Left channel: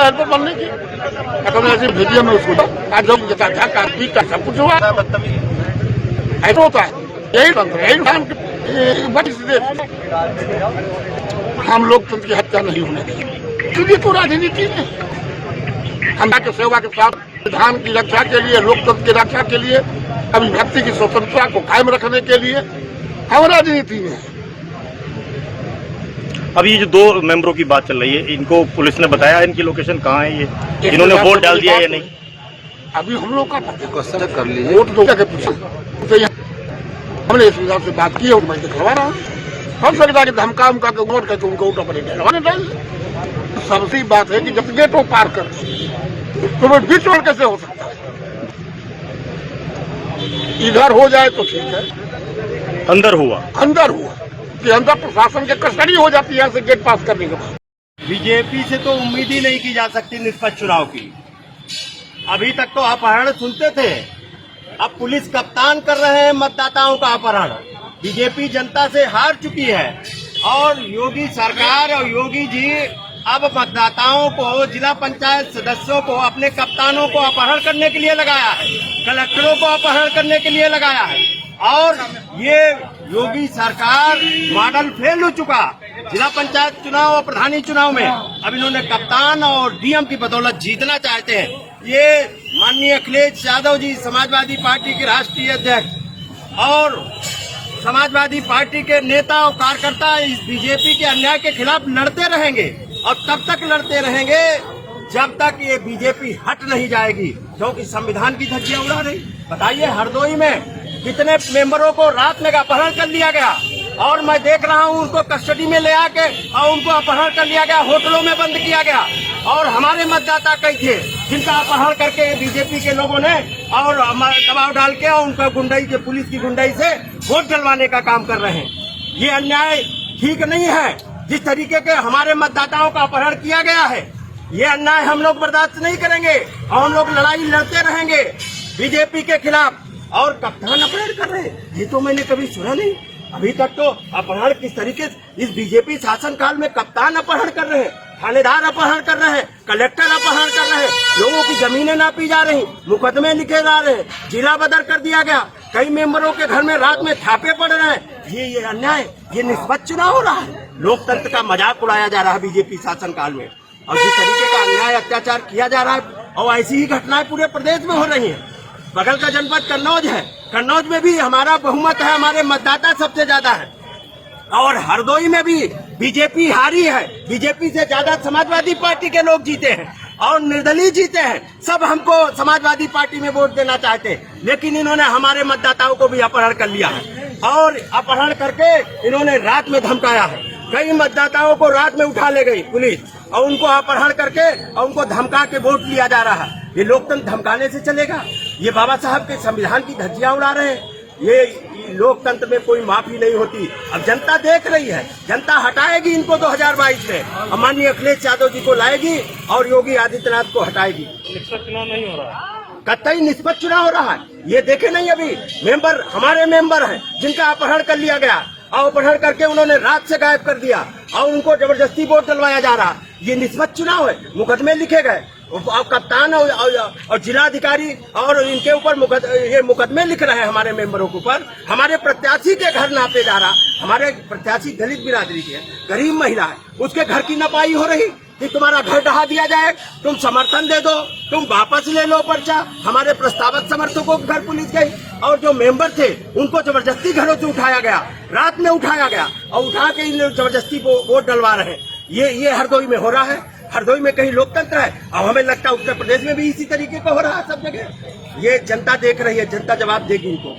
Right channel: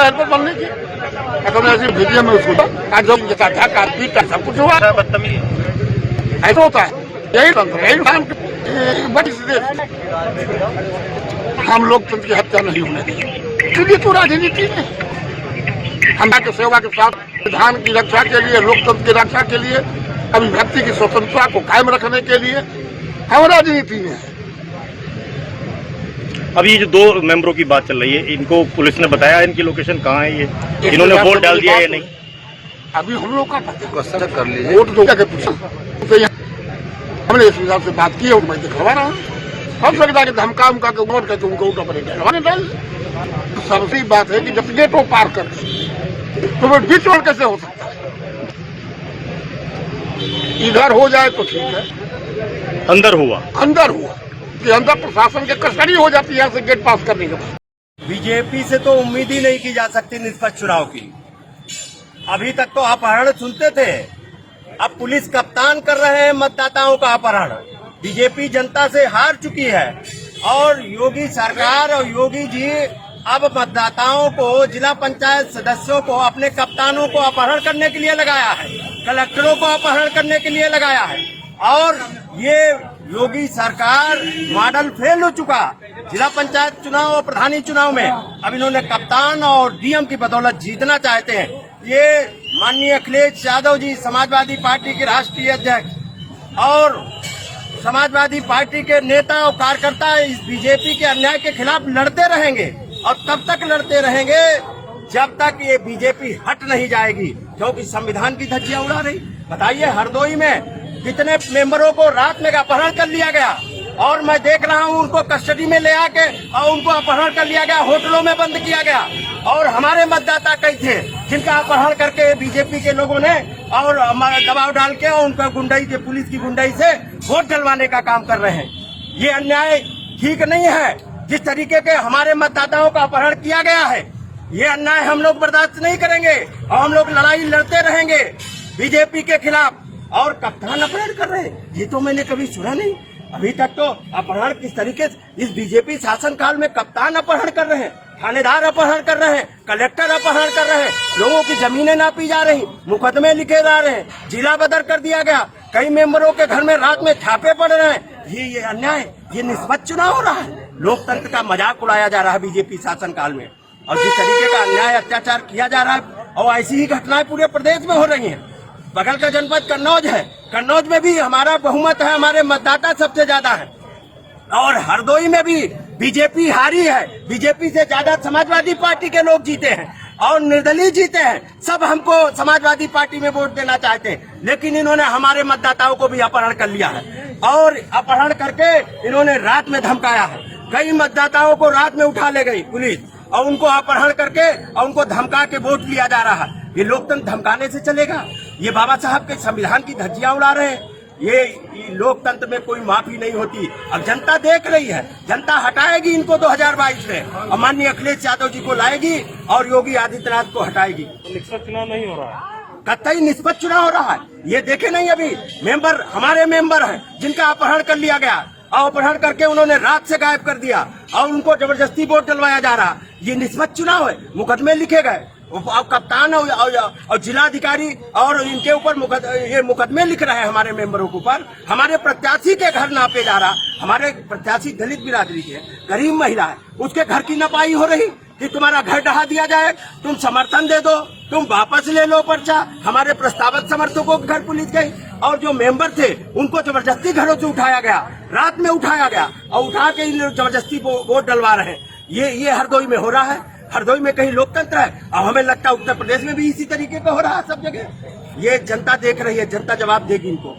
है हेल्पर बनने की। ऐसी वीडियो में उसको आज लोग था पीट का सब कुछ हुआ, ऐसा होता है। यही तंत्र, यही बड़ी हम लोकतंत्र की हत्या नहीं होने देंगे। इसलिए तो राजनीति में हम के सेवा के साथ संविधान की रक्षा के लिए, लोकतंत्र की रक्षा के लिए, अभिव्यक्ति की स्वतंत्रता को कायम रखने के लिए हम राजनीति में है। अभी ये जो 2 मेंबरों की बात चल रही है, इनको पुलिस ने बताया इनकी लोकेशन कहाँ है, ये इन्होंने वोट डाल दिया या नहीं? अभी हम लोग का क्वेश्चन कर लीजिए, वोट दो क्या पूछा तो हमने इस विधान से बात की है और मैं दिखवा रहा हूँ। हम सकता कि धमका उमका के वोट कहते उनको ऊपर डलवाने डाल। सबसे बात है कि जब गेट वो पार कर तो वो बीच में कैसे हो सकता है? इधर हो जाए तो ठीक है, अंदर हुआ कि अंदर प्रशासन के कस्टडी हो जाती है यहाँ से गेट पास करने के बाद। बीजेपी से तो उम्मीद ही नहीं की जा सकती निष्पक्ष चुनाव की। अभी तक तो अपहरण सुनते थे, अब पुलिस कप्तान कर रहे हैं मतदाताओं का अपहरण। बीजेपी जनता से हार चुकी है और योगी सरकार और योगी जी अब मतदाताओं को, जिला पंचायत सदस्यों को, अपने कप्तानों को अपहरण करने के लिए लगाया है, कलेक्टरों को अपहरण करने के लिए लगाया है। और ये योगी सरकार मॉडल फेल हो चुका। जिला पंचायत चुनाव और प्रधानी चुनाव में अब इन्होंने कप्तान और डीएम की बदौलत जीतना चाहते हैं। ये माननीय अखिलेश यादव जी, समाजवादी पार्टी के राष्ट्रीय अध्यक्ष और समाजवादी पार्टी के नेता और कार्यकर्ता इस बीजेपी के अन्याय के खिलाफ लड़ते रहेंगे और तब तक लड़ते रहेंगे जब तक ये बीजेपी हट नहीं जाएगी, क्योंकि संविधान की धज्जियां उड़ा रही। बताइए, हरदोई में कितने मेंबरों को रात में अपहरण कर लिया गया और मैं देख रहा हूं उनको कस्टडी में ले आके और उनको अपहरण कर लिया गया, होटलों में बंद किया गया। और हमारे मतदाता कई थे जिनका अपहरण करके बीजेपी के लोगों ने और दबाव डाल के और उनका गुंडाई से, पुलिस की गुंडाई से वोट डलवाने का काम कर रहे हैं। ये अन्याय ठीक नहीं है। जिस तरीके के हमारे मतदाताओं का अपहरण किया गया है, ये अन्याय हम लोग बर्दाश्त नहीं करेंगे और हम लोग लड़ाई लड़ते रहेंगे बीजेपी के खिलाफ। और कप्तान अपहरण कर रहे हैं, ये तो मैंने कभी सुना नहीं। अभी तक तो अपहरण किस तरीके से इस बीजेपी शासनकाल में कप्तान अपहरण कर रहे हैं, थानेदार अपहरण कर रहे हैं, कलेक्टर अपहरण कर रहे हैं, लोगों की जमीनें नापी जा रही, मुकदमे लिखे जा रहे हैं, जिला बदर कर दिया गया, कई मेंबरों के घर में रात में छापे पड़ रहे हैं। ये अन्याय, ये निष्पक्ष चुनाव हो रहा है। लोकतंत्र का मजाक उड़ाया जा रहा है बीजेपी शासनकाल में। और जिस तरीके का अन्याय अत्याचार किया जा रहा है और ऐसी ही घटनाएं पूरे प्रदेश में हो रही हैं। बगल का जनपद कन्नौज है, कन्नौज में भी हमारा बहुमत है, हमारे मतदाता सबसे ज्यादा है। और हरदोई में भी बीजेपी हारी है, बीजेपी से ज्यादा समाजवादी पार्टी के लोग जीते हैं और निर्दलीय जीते हैं। सब हमको समाजवादी पार्टी में वोट देना चाहते हैं, लेकिन इन्होंने हमारे मतदाताओं को भी अपहरण कर लिया है और अपहरण करके इन्होंने रात में धमकाया है। कई मतदाताओं को रात में उठा ले गई पुलिस और उनको अपहरण करके और उनको धमका के वोट लिया जा रहा है। ये लोकतंत्र धमकाने से चलेगा? ये बाबा साहब के संविधान की धज्जियां उड़ा रहे हैं। ये लोकतंत्र में कोई माफी नहीं होती। अब जनता देख रही है, जनता हटाएगी इनको 2022 में और माननीय अखिलेश यादव जी को लाएगी और योगी आदित्यनाथ को हटाएगी। निष्पक्ष चुनाव नहीं हो रहा, कतई निष्पक्ष चुनाव हो रहा है। ये देखे नहीं, अभी मेंबर, हमारे मेंबर हैं जिनका अपहरण कर लिया गया और अपहरण करके उन्होंने रात से गायब कर दिया और उनको जबरदस्ती वोट डलवाया जा रहा। ये निष्पक्ष चुनाव है? मुकदमे लिखे गए और कप्तान और जिलाधिकारी और इनके ऊपर मुकदमे लिख रहे हैं हमारे मेंबरों के ऊपर। हमारे प्रत्याशी के घर नापे जा रहा, हमारे प्रत्याशी दलित बिरादरी के गरीब महिला है, उसके घर की नपाई हो रही कि तुम्हारा घर ढहा दिया जाए, तुम समर्थन दे दो, तुम वापस ले लो पर्चा। हमारे प्रस्तावित समर्थकों के घर पुलिस गई और जो मेंबर थे उनको जबरदस्ती घरों से उठाया गया, रात में उठाया गया और उठा के इन जबरदस्ती वोट डलवा रहे हैं। ये हरदोई में हो रहा है। हरदोई में कहीं लोकतंत्र है? अब हमें लगता है उत्तर प्रदेश में भी इसी तरीके का हो रहा है सब जगह। ये जनता देख रही है, जनता जवाब देगी इनको।